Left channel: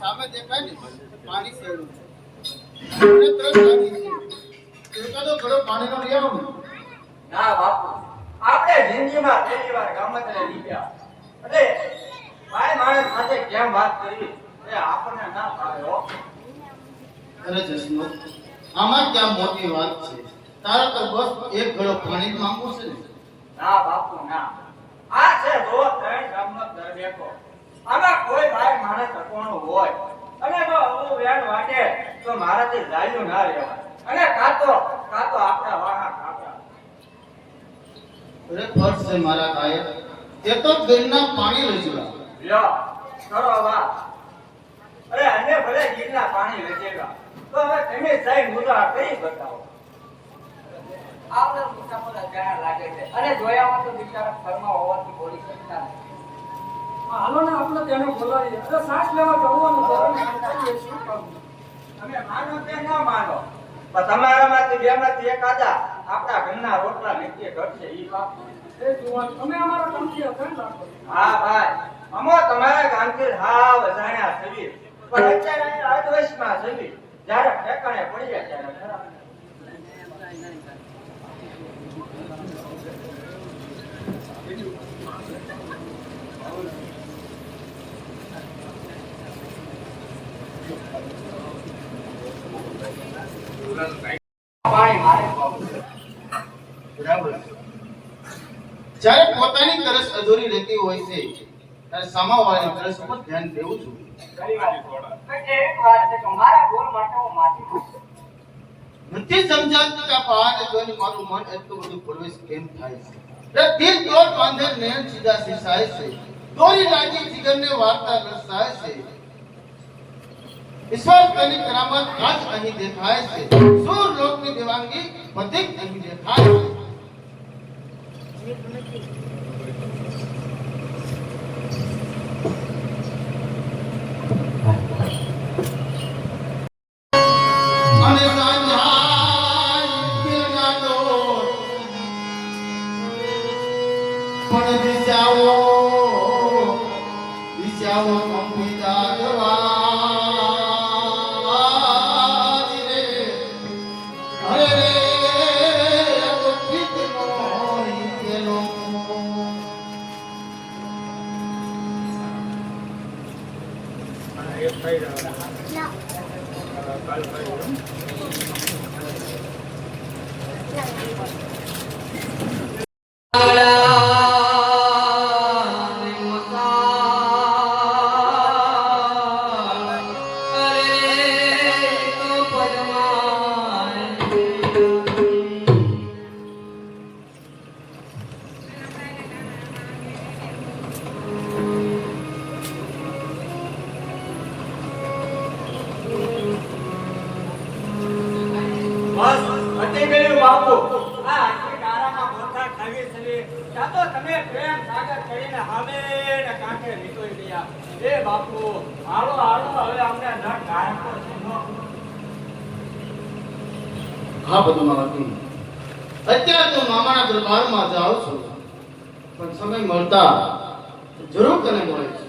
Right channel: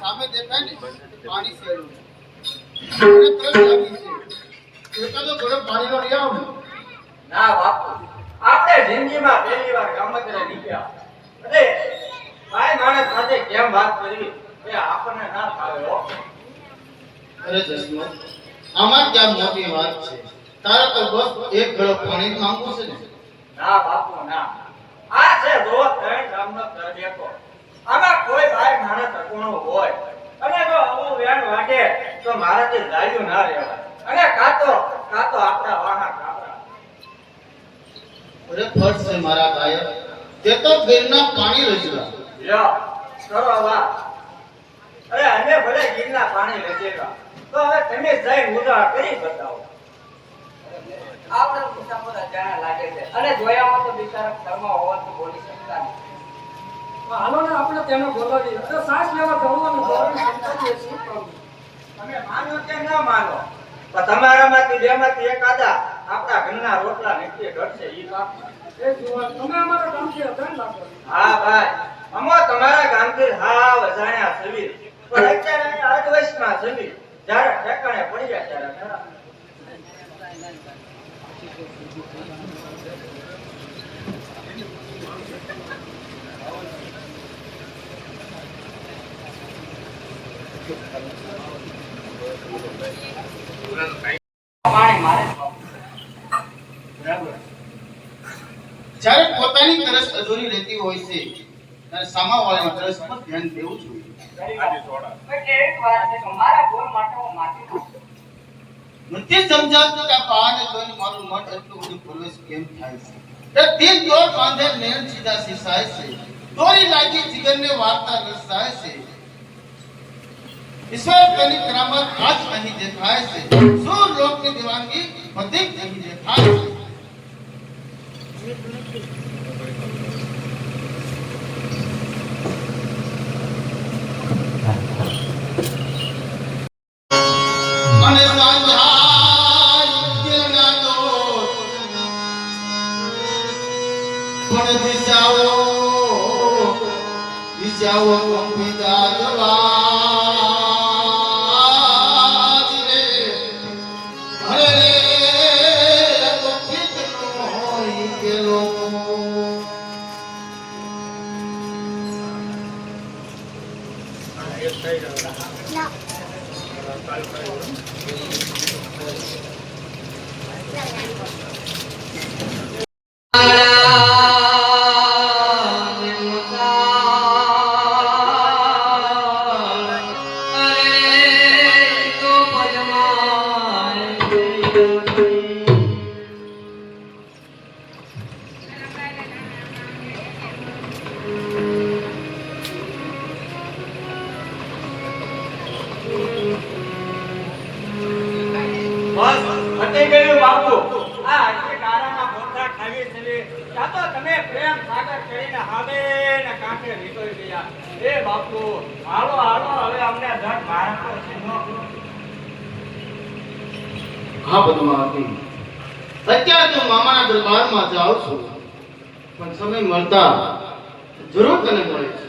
સામે દેખાય ને પાણી શેડું મને તરસ લાગી છે એકાદો ઘડો પાણીનો લઈ આવો ને. ના બાપુ, આપણે જિંદગીમાં પહેલી વાર ગામડે નીકળ્યા એટલે ભાઈ માણસ સાથે કેમ વાત કરવી એ આપણને ના ફાવે હો. અરે જસમત, આમાં ક્યાં મોટી વાત છે? તારા તો બસ એક ઘડો પાણી જ માંગવું છે ને. ના બાપુ ના, આ છે જો ત્રણ ગામનો ઘર દેખો, આમાં કોઈ ભાઈ માણસ અકોણો હોય અને જો આવું વેણ વાટે તો મારાથી ગાળ્યું ના લેવાય અને કાતો આપણા વાહા કાપડા. અરે ફર્જ છે મારા કાયર, તે તો ગિરના પાણી રજવા લ્યો કરો વાત. અરે અમે ભલે ગિરના પાણી રજેગા તો હવે તમે જઈ મુદા કરી બતાવો. આપણે મુસાફર અજાણા લાગે છે અને જોયામાં તો બિચારા ઘરમાં હોવાથી બોલી શકતા નથી. હાલો ને આપણે તેને બોલાવીએ. અરે સાસ લેવા જવાનું બોલાવી સંતાઈએ શું કરું? તમે માનો કે ના માનો પણ તમારામાંથી બેમાંથી એકાદા આપણા ઘરના રોટલા નીચે ઘટશે ઈ વાત. એ જુવાન તમે અમારા ગામથી હતા ને લાગો. હા ભાઈ, અમો તમારા ગામથી હાવ અજાણ્યા છવી પણ અત્યારે આજ વયસમાં છવી જ્યારે ઠેકાણે પડી જાય ત્યારે ખરા. જ્યારે પોતાની તરસ અધૂરી રહેતી હોય છે ત્યારે સામાવાળાની તરસ પર ધ્યાન દેવું જોઈએ. નથી સમજાતું કે આ પહાડને જોઈને મારું મન એટલું બધું પ્રવેશ કેમ થાય છે. એ દિલ દોર બાંધે નયન સીધા સિસાય છે, દોરી લાગી જીગરની વાર્તા નિસાય છે. ઈશ્વર તેની કરામત આજ અહીં દેખાય છે, સૂર લોકની દેવાંગી પ્રતીક અહીં દેખાય છે. પણ દિશાઓ કંપિતા જવા રે હરે રે ગોપિતનો કેલો બસ હટી ગયું બાપુ. આ હજી ગારાના મોઢા ખાવી છે. ત્યાં તો તમે પ્રેમ સાગર કરીને હામે ને કાંઠે નીકળી ગયા. એ બાપુ હાલો હાલો હવે અમને ધડ ભારતો છે. હા પદ્માવતી, અત્યારે તો મામાના દરબારમાં જાઉં છું, પણ સમય મળતા જરૂર તને મળે છે.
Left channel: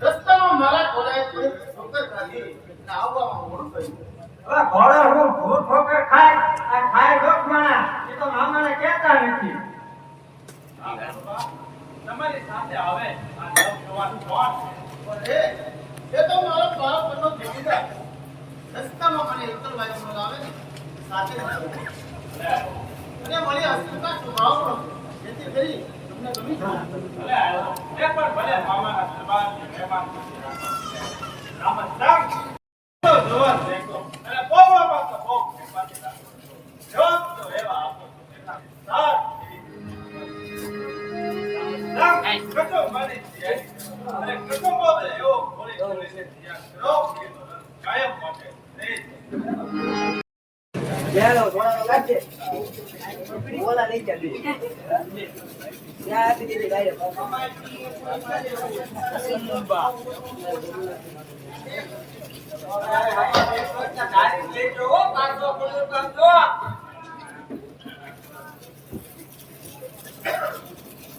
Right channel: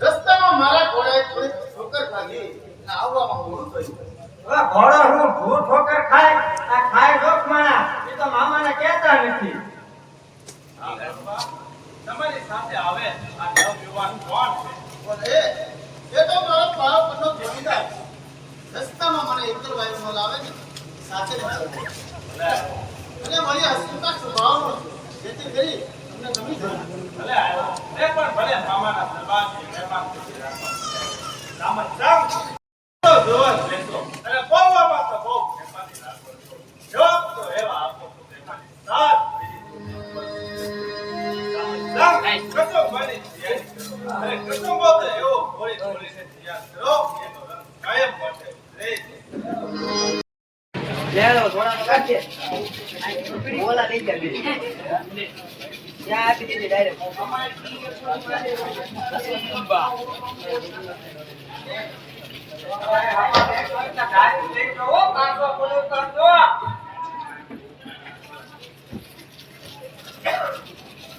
રસ્તામાં મારા ઘોડાએ થોડી ઠોકર ખાધી અને આવવામાં મોડું થયું. હવે ઘોડો હું ભૂત ઠોકર ખાય આ ખાય રોક માણા એ તો મામાને કહેતા નથી. તમારી સાથે આવે આ નવયુવાન કોણ છે? એ તો મારો બાળપણનો જોડીદાર. રસ્તામાં મને એકલવાયો ન લાવે ને સાથે નથી અને મારી હસતા સ્વભાવનો જેથી કરી તમને ગમી જાય. ભલે આવ્યો એ પણ ભલે મામાના દરબારની મહેમાન તરીકે રાખો. રામન રામ તો જોવા જ રહેતો અને બોલવામાં તો બહુ મહેમાની રાખો છો. જવાબ તો એવા આપો તો મહેમાની સાથ રામ કસો મારી તૈયારી કરો અને કસો બોલ એવો બોલી બોલીને તૈયાર કરો એનો રંગ કાયમ માટે રહે. લેલો થોડા કાઢજે બોલા લઈ જા બે યા આપી દીધી ડાયરેક્ટ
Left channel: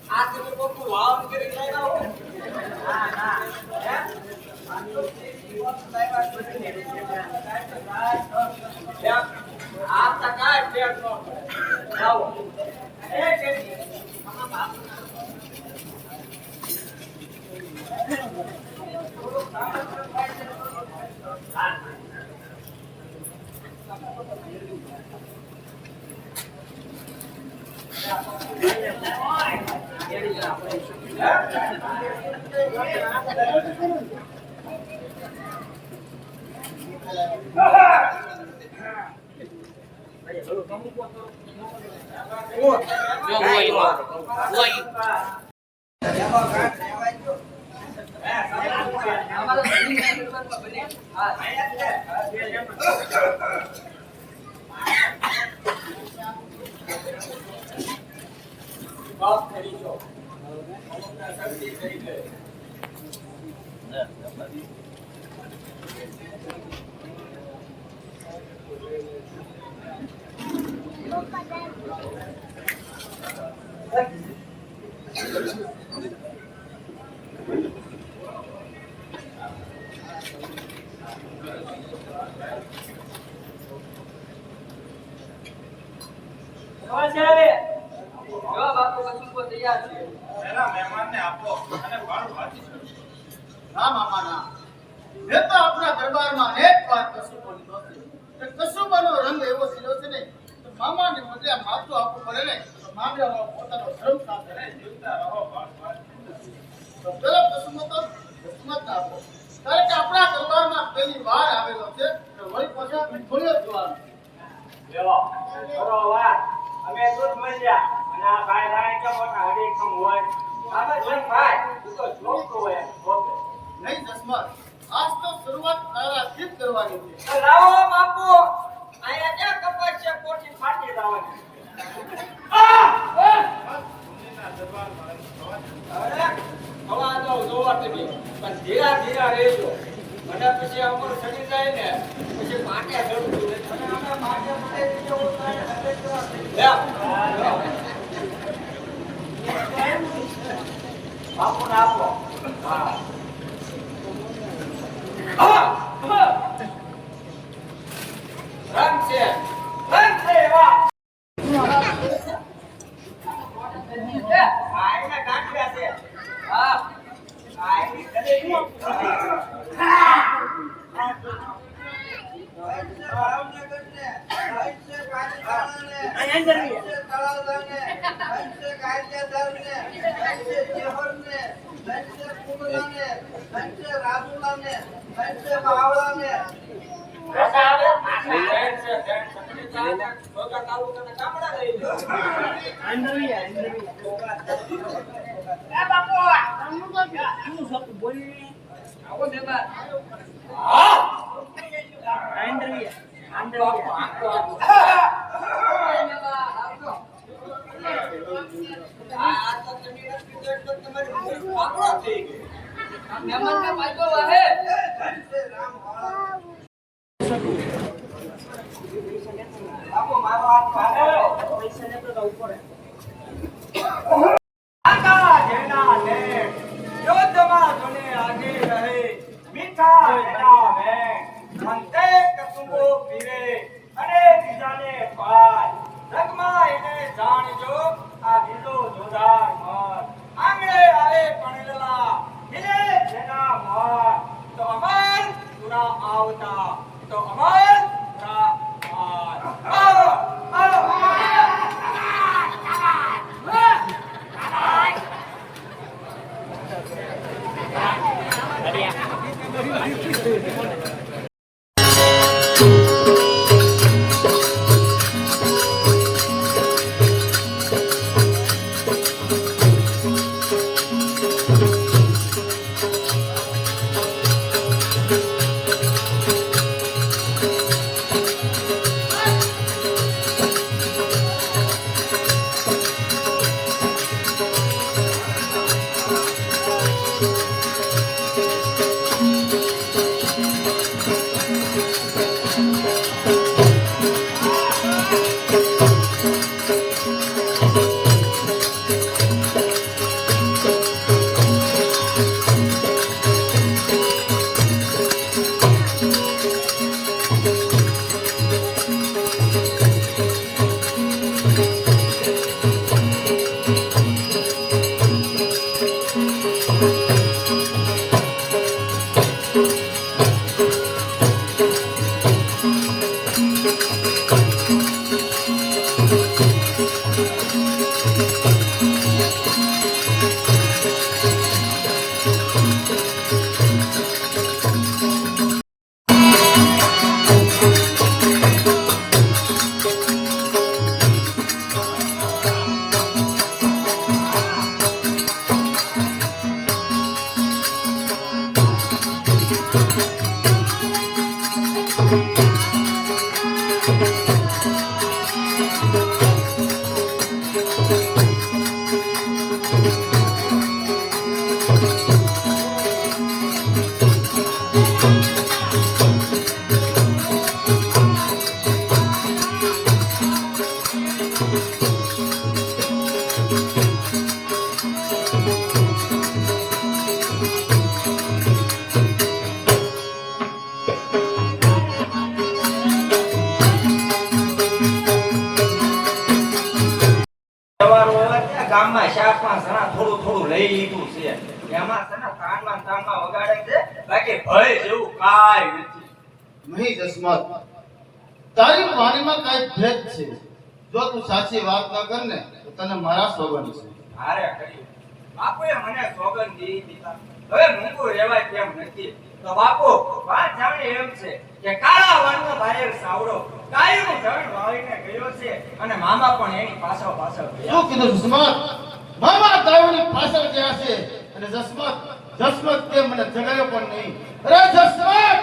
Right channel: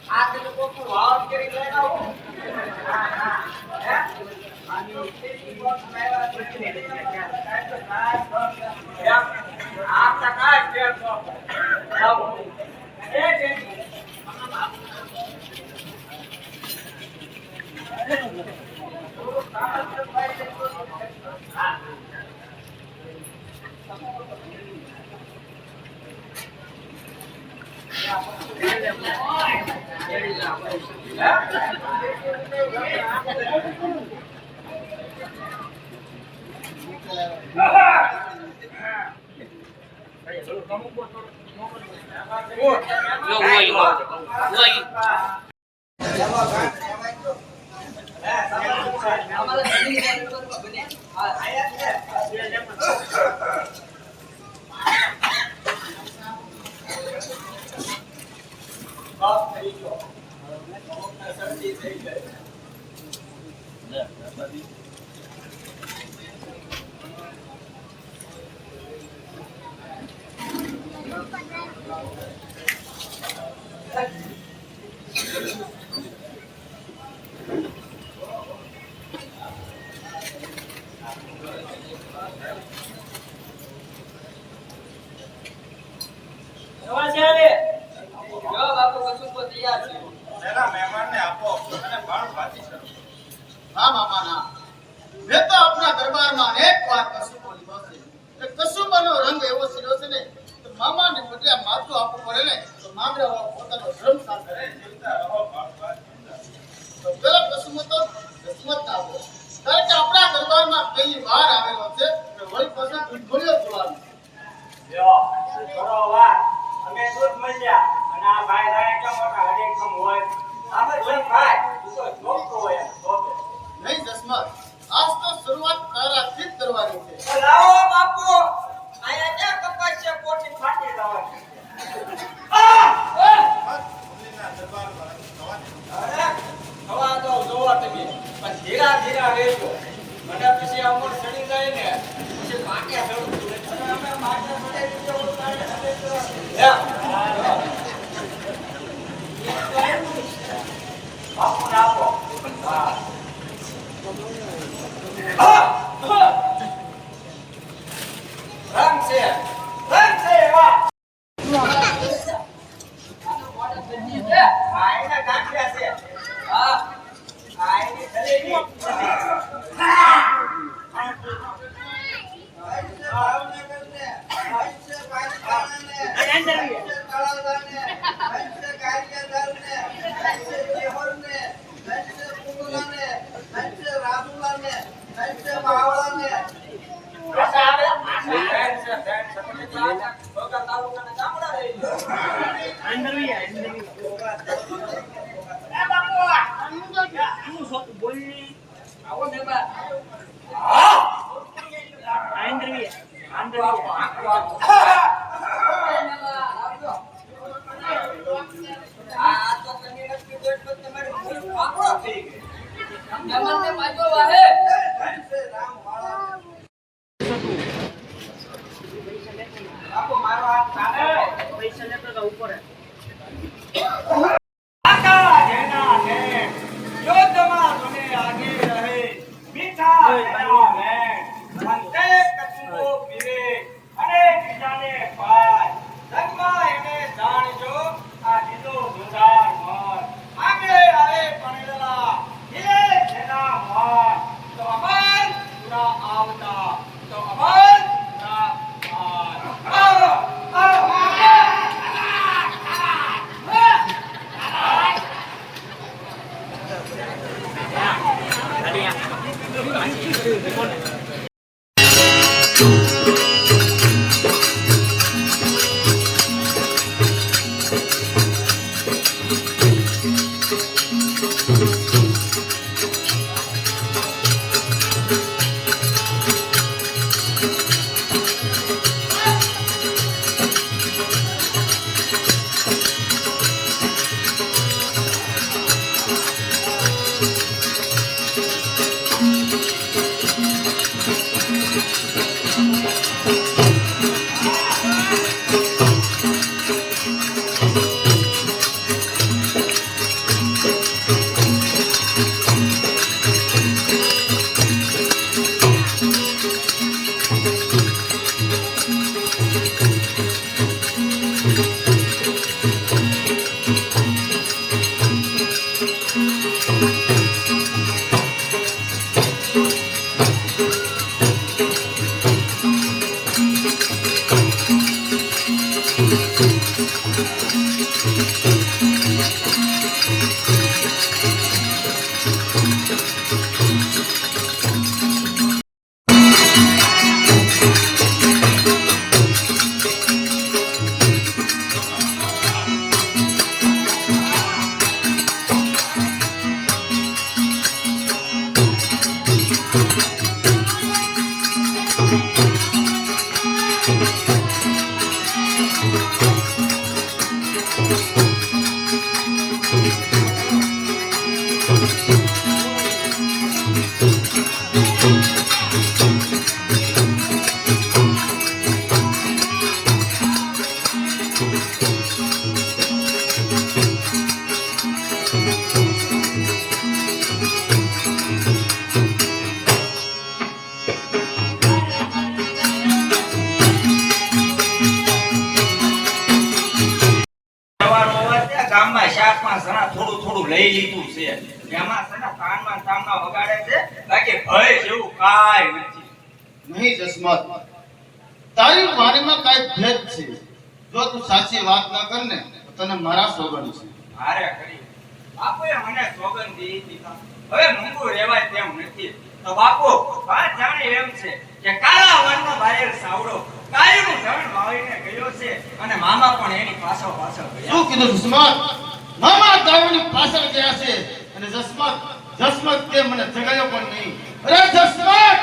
આ તો કોક વાવ કરી લેના હો. ના ના હે આ તકા કેમ છો આવો એ કે હા મામા ના. મેં તો આપના દરબારમાં અનેક વાર કસુંબો લીધો છે. એ કસુંબાનો રંગ એવો સીધો છે ને તો મામાને બદલે આ માથું આપવું પડે ને તો મામલા પોતાનો ધર્મ સાથે જીવતા રહો. તો પેલો કસુંબો તો કિસ્મત ના આપો. કારણ કે આપણા દરબારમાં પહેલી વાર આવેલો છે તો વળી પાછા ભૂલ્યો જોવાનો. અમે દૂધ મળ્યા અને આ ભાઈ રાય કેમ મોટા હડેકમ હોય અમે જોઈ ભાઈ તું તો છોકરો હોય નહીં જસમત, આજ તો શરૂઆત તારાથી જ કરવાની છે. તો લાવો બાપુ આયા ક્યાં કપાસ છે પોટી ફાટી જવાની અરે હવા તો જોવા તમે પણ ધીરા ધીરા રહેજો મને પછી અમર સડી જાય ને પછી પાટે ચડું અને અમે પાટે પડે જવું થાય બાપુ ને આપો હા રંગ છે વાહ આઈને કાંકરા છે હા આઈને જલેબી સવાર હોય ત્યાં ગામમાં શાકમાં સણા થોડું થોડું લઈ લીધું છે એમાં છે ને તાનમાં વગાડે છે બાકી ભય જેવું કાંઈ નથી. નહીં જસમત, તારી વાણીમાં કાંઈ ભેદ છે. જો તું સાચી વાત ના કર ને તો તને મારા સોગંદ છે. હારે કરી બાપુએ મને સોગંદ દીધી. હવે મૂંગું રહેવાય તેમ નથી. તો બાપુ વાત જાણે એમ છે કે કાળા વનનો બાયર સાવડો કાળીનું ધન વાવીને ગયો છે અને મામા પણ એની પાછળ પાછળ ગયા. શું કીધું જસમત? મામા દારૂની પાછળ ગયા છે અને જસમત તે મને જગાડ્યો પણ નહીં. અરે જસમત,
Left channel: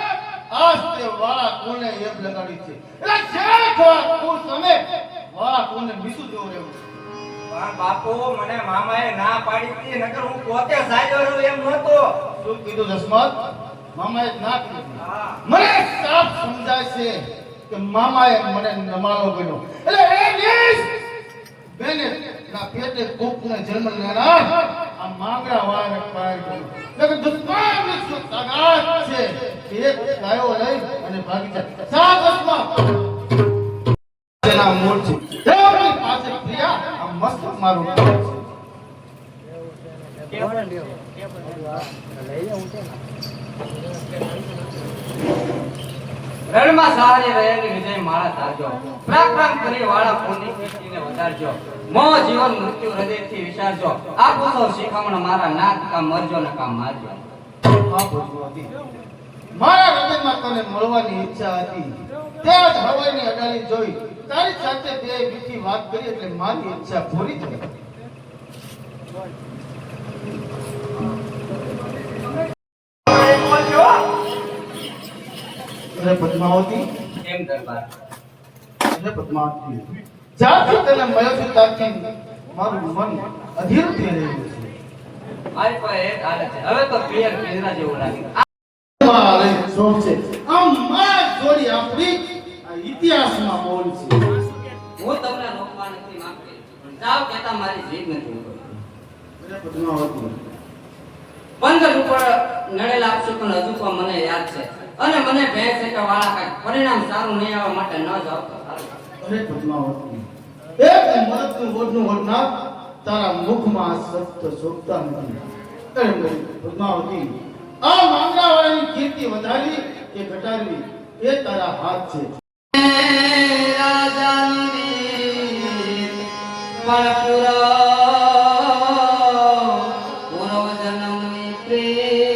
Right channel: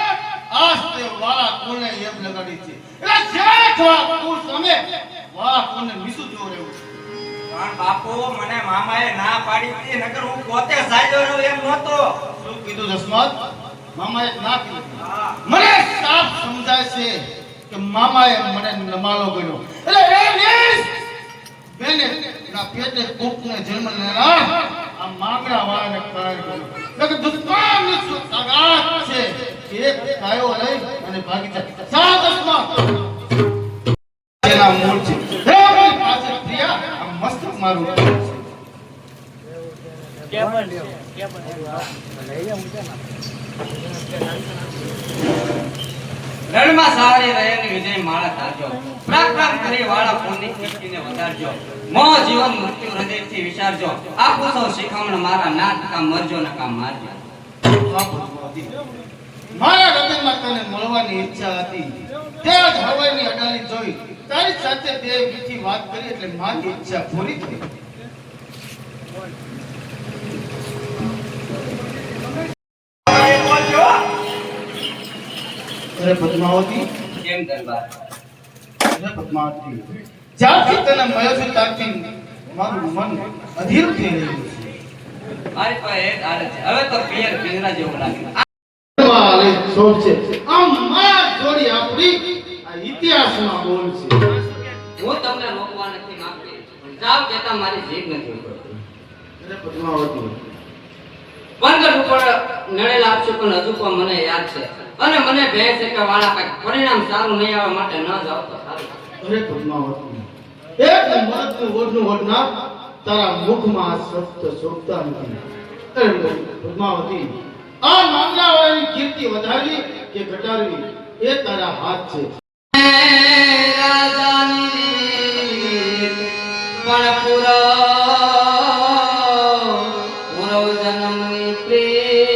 આજ તે વાળા કુળને એમ લગાડી છે. એટલે જ્યારે થોડા કુળ સામે વાળા કુળને મીસું જોવું રહ્યું છે. પણ બાપુ મને મામાએ ના પાડી હતી નકર હું પોતે સાજો રહ્યો એમ નહોતો. શું કીધું જસમત? મામાએ ના કીધું. હા. મને સાફ સમજાય છે કે મામાએ મને નમાલો ગણ્યો. એટલે એ નીચ બેને ના પેટે કૂપને જન્મ લેનાર આ માંગડા વાળાને કાઢી ગયો. નકર દુશ્મનની શું તાકાત છે કે એક ગાયો લઈ અને ભાગી જાય. સાત જસમત તેના મૂળ છે. દેવની પાસે પ્રિયા આ મસ્તક મારું છે. રણમાં સવારે રહેલી વિજય માળા ધારજો પ્રાર્થના કરી વાળા પૂર્ણિ કીર્તિને વધારજો મો જીવન મૃત્યુ હૃદયથી વિચારજો આપો સૌ શિખામણ મારા નાથ કામ મરજો ને કામ મારજો. મારા હૃદયમાં તને મળવાની ઈચ્છા હતી. ત્યાં જ હવાઈની અડાલી જોઈ તારી સાથે બે મીઠી વાત કરી એટલે મારી ઈચ્છા પૂરી થઈ. અરે પદ્માવતી, કેમ દરબાર? અરે પદ્માવતી, જ્યારથી તને મળ્યો છે ત્યારથી મારું મન અધીર થઈ રહ્યું છે. મારી પાસે એક હાલત છે હવે તો પિયર પિંજરા જેવું લાગે. વારે શોખ છે આમ મારા જોડી આપણી આ ઇતિહાસમાં બોલ છે. હું તમને રોકવા નથી માંગતી પણ જાવ કહેતા મારી જીભ નથી ઉપડતી. અરે પદ્માવતી, પંદર ઉપર નડેલા આપશું પણ હજુ પણ મને યાદ છે અને મને ભય છે કે વાળા કઈ પરિણામ સારું નહીં આવવા માટે ન જાવ તો સારું. અરે પદ્માવતી, એક મરદનું ઓઢનું ઓઢનાર તારા મુખમાં શબ્દ શોભતા નથી. અરે પદ્માવતી, આ માંગલાવાળાની કીર્તિ વધારવી કે ઘટાડવી એ તારા હાથ છે. પણ પૂરો જન્મની પ્રેમ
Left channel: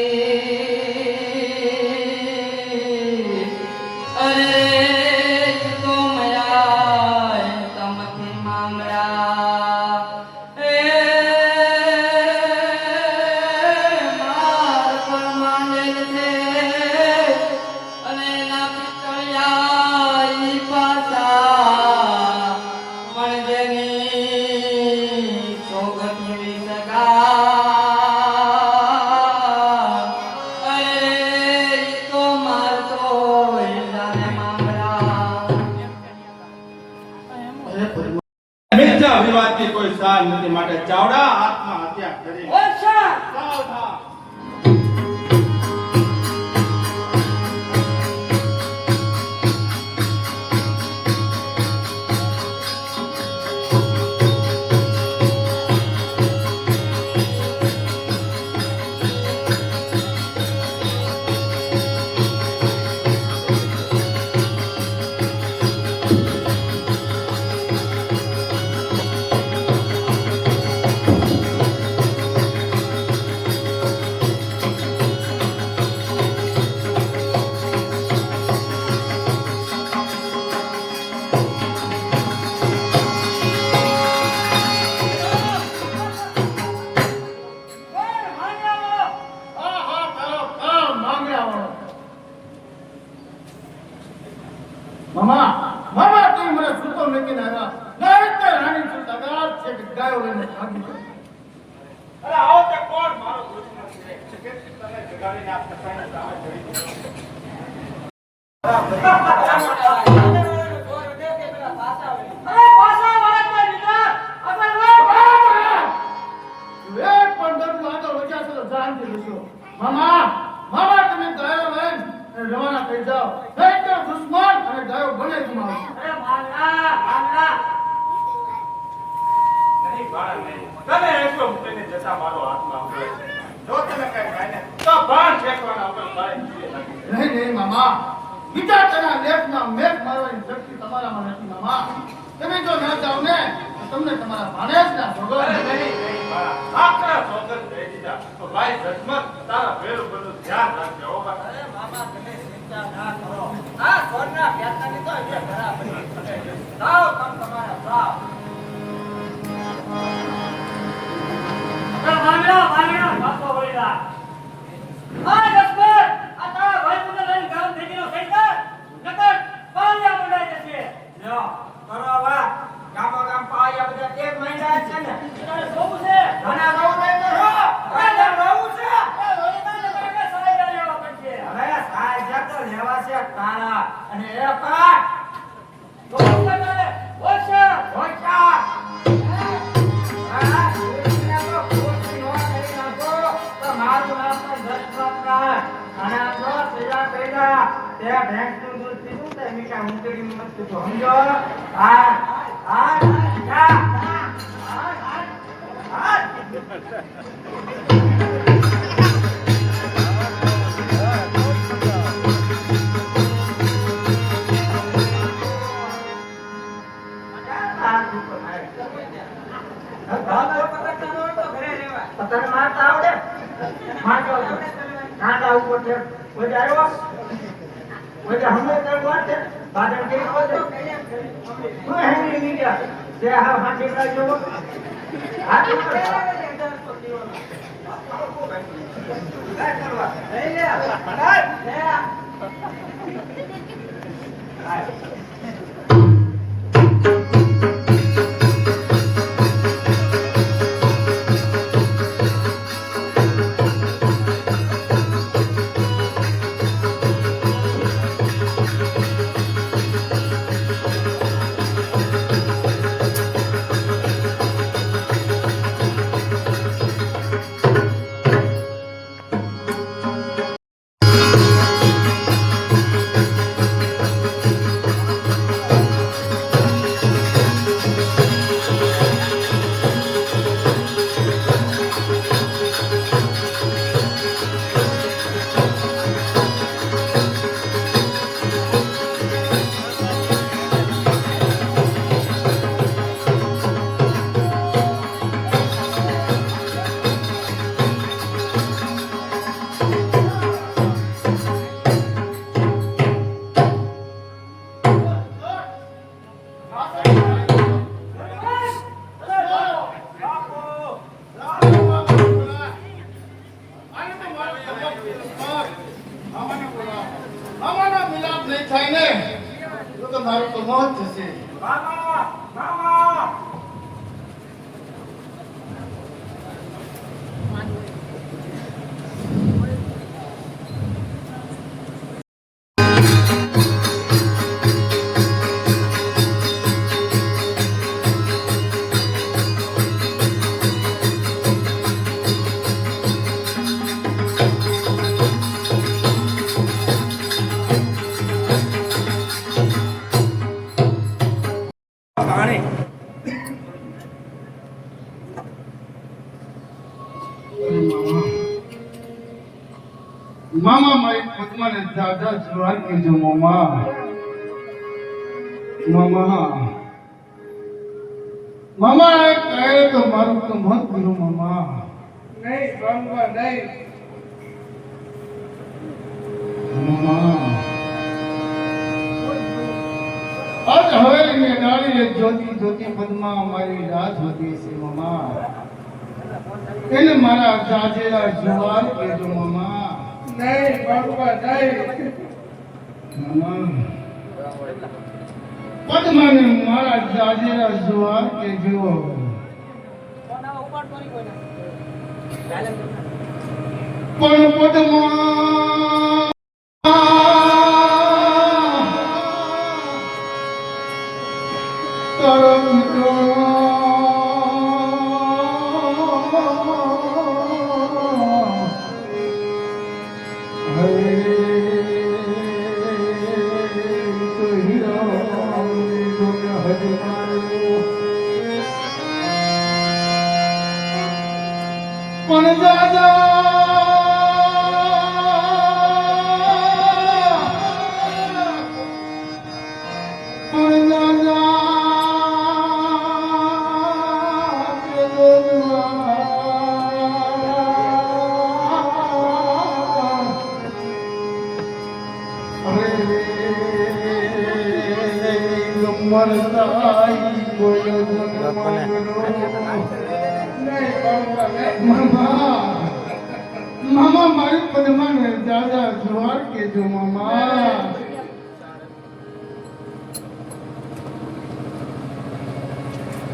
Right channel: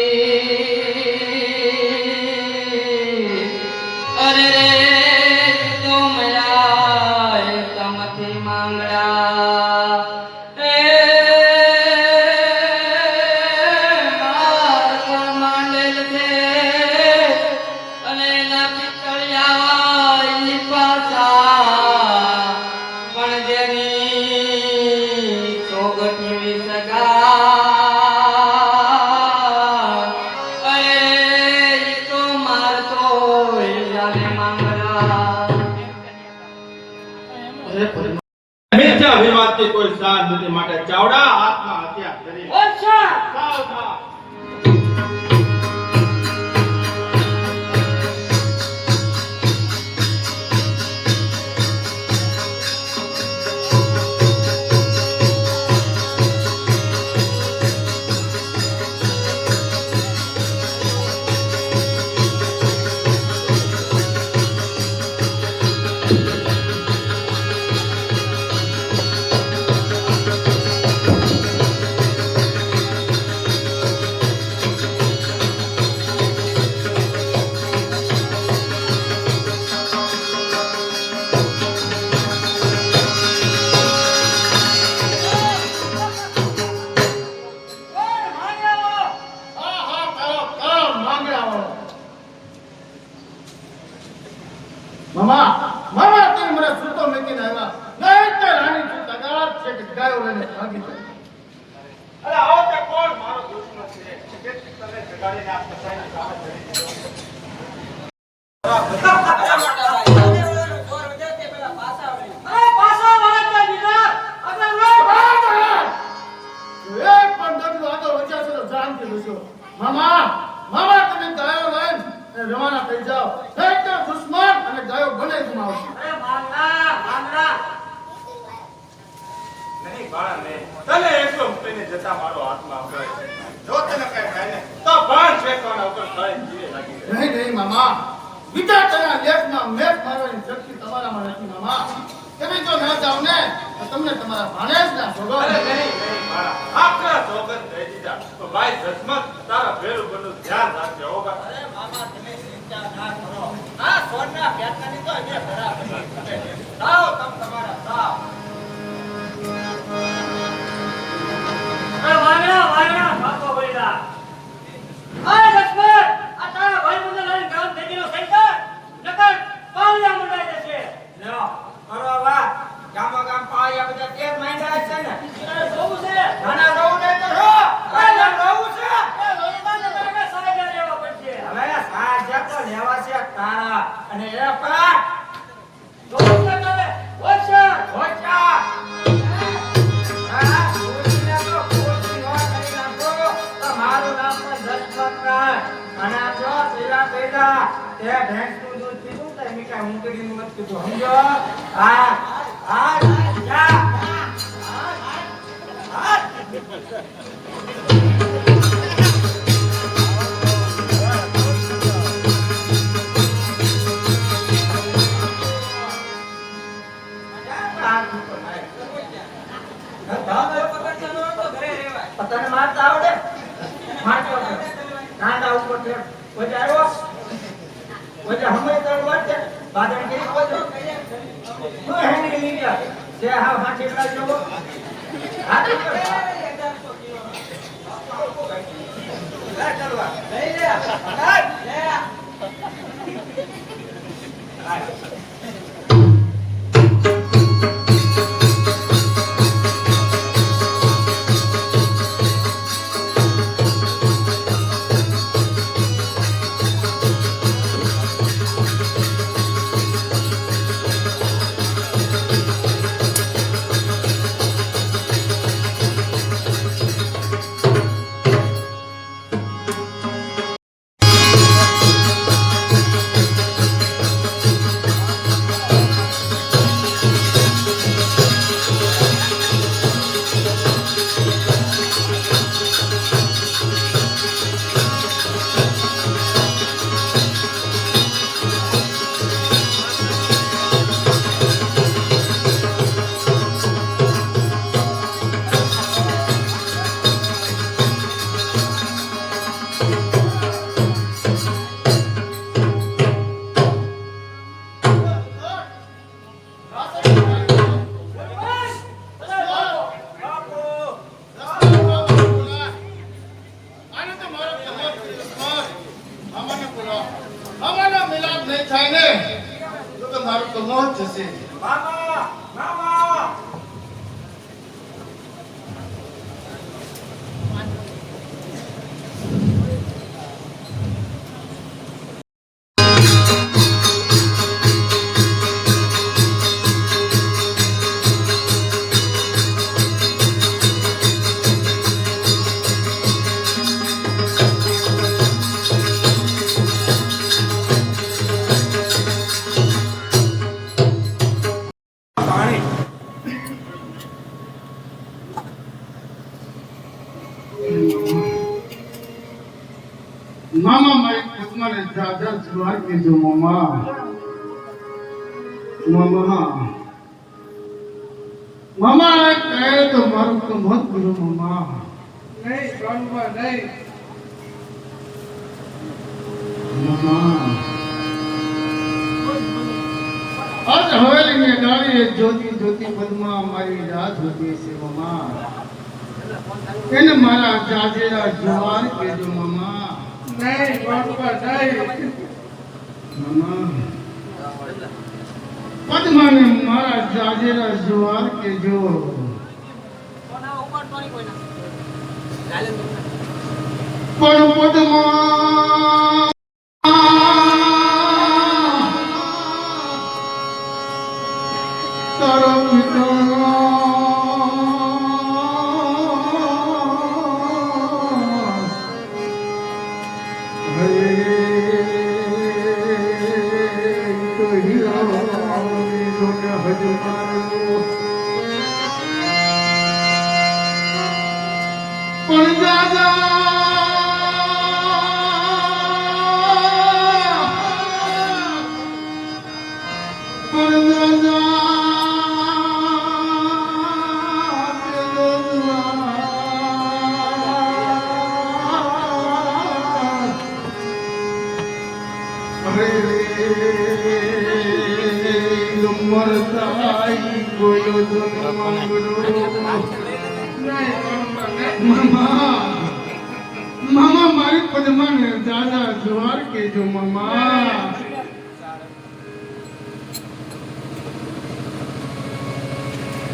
અરે તો મયા તમથી માંગડા એ માર પણ માંડેલ છે અને ના પિતળિયા ઈ પાછા પણ જેની સોગઠી વિસકા અરે ઈ તો મારતો જાને માંગડા. અરે પદ્મા, મિથ્યા વિવાદથી કોઈ સાર નથી માટે ચાવડા હાથમાં હત્યા કરી. અચ્છા સાવ થા. જગાડીને આ કસાઈને કામ જ કરી દીધો. એક પણ દર્દ વાતો વચ્ચે છે તો જાનથી લેશો. મામા મામા તમે ગાયો લઈને રવાના થઈ જાઓ. નહીં તો દુશ્મન અને ગાયો બંને ગુમાવશો. નહીં બાળ નહીં. તને એકલો મૂકીને જતા મારો હાથમાં આવતો હોય. જો તને કઈ થાય ને તો બાણ ફેંકવાના ઉપર ખાઈને જીવે લાગી જાય. નહીં નહીં મામા વિધાતાના લેખમાં મેઘ મારવાની શક્તિ તમારામાં નથી મામા. તમે જો ના જાઓ ને તો તમને તમારા ભાણેજના અરે ભગવાન નહીં નહીં મારા આખરા સોગંદ દઈ દીધા. તો ભાઈ જસમત તારા ભેરું બધું ધ્યાન રાખજે હો બા. અરે મામા તમે ચિંતા ના કરો આ સોના પેટની તો જે બરાબર છે જાઓ તમ તમારા જાઓ ગામ પાળિયા બધા તેજ માંડ્યા છે ને જોવું છે ઘણા જોવું ને તો જો જોવું છે હવે સાહેબ તો લેવા છે તારા અને એ પાટ જોવું છે મને ઓછા ઓછા આ સુરીને તો કોટી નો કરી નાખો તો મારું નામ પણ દશમત ના અને જો પેલા પેલા તે ભેંસનું દૂધ પીધું તે મીઠા ઊંટડીનું મત પીધું સમજો હા હા જા પતંગ મારતા આવડે કાંટા ઉપર છે કોઈ આવ્યો કોઈ હમણે કઈ વાત છે બાદળ કે કોઈ હું હેંડી લીધા જે હા હાથી પ્રાજ જોવો હાથ ઉપર લઈ લે મારું તો મોત થશે. મામા મામા મામા મારી પદ્માને દાદા જોવા કીધું મામા મામા કહે તો મારું તો મત બોલો મામા. નહીં ગામમાં નહીં મામા. આજ હવેલી મેં ગાડી જ્યોતિ જ્યોતિ પદ્મા મારી રાત હોતી છે મામા. એને મારા જાજેરા જવાર કહેજો મામા. નહીં બાપા નહીં મામા. પદ્માને મારા જાજેરા જવાર કહેજો. પણ પદમાં તારો મિત્રો પણ દાદા પણ દાદા મામા મારી પદમાં દાદા જુવાર કેજો મામા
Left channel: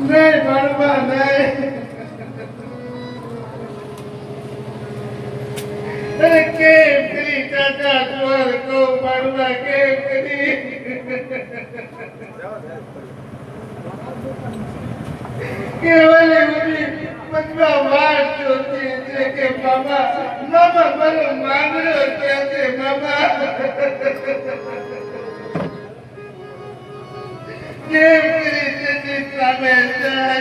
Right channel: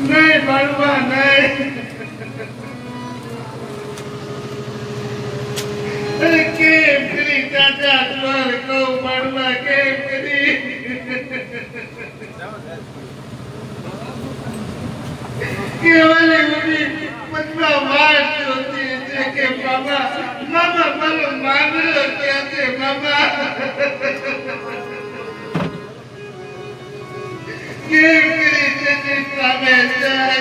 નહીં ભણવા નહીં કે પેલી દાદા જુવાર કહું ભણવા કે કરી કેવલી ઉડી પગમાં વાત જોતી છે કે મામા મામા મારો માંગડો ક્યાં છે મામા કેમ કરી તેની સામે જાય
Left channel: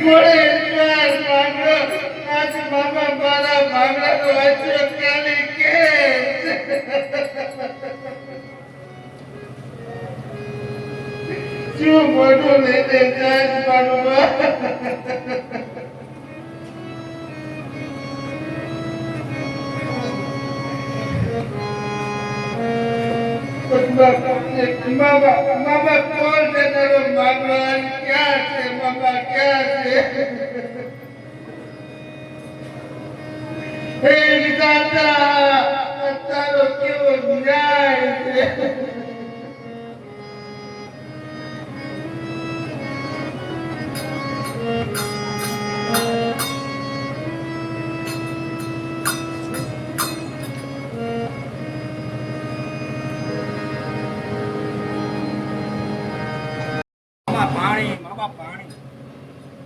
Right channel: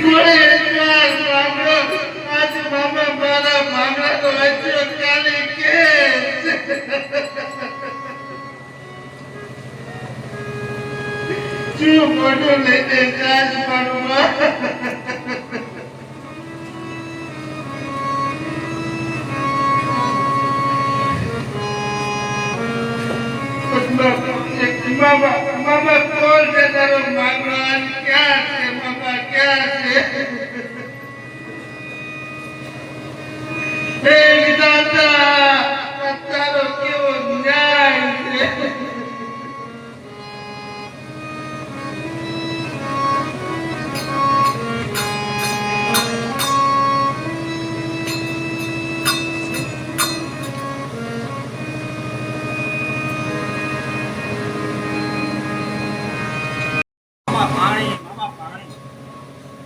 ગોળે માંગડો આજ મામા મારા માંગડાનો હજો કાલી કે જો મોટો લઈને જાજ પાડવા મામા કોણ છે તારો માંગડો ક્યાં છે મામા ક્યાં છે હે વિધાતા તારો કેવો ન્યાય છે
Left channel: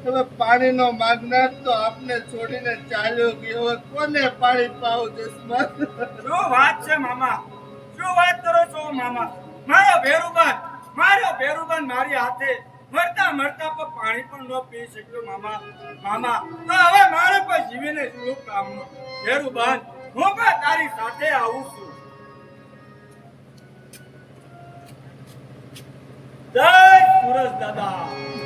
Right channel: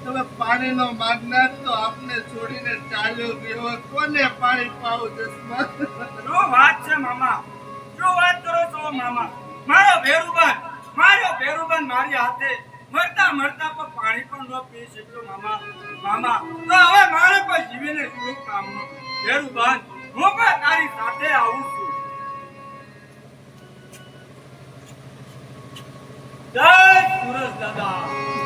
તમે પાણીનો માગનાર તો આપને છોડીને ચાલ્યો ગયો કોને પાણી પાવું દસમત શું વાત છે મામા શું વાત કરો છો મામા મારો ભેરુબાન મારી હાથે મરતા મરતા પણ પાણી પણ ન પી શક્યો મામા તો હવે મારે કોઈ જીવીને શું કામનું ભેરુબાન હું પણ તારી સાથે આવું છું જય સુરજ દાદા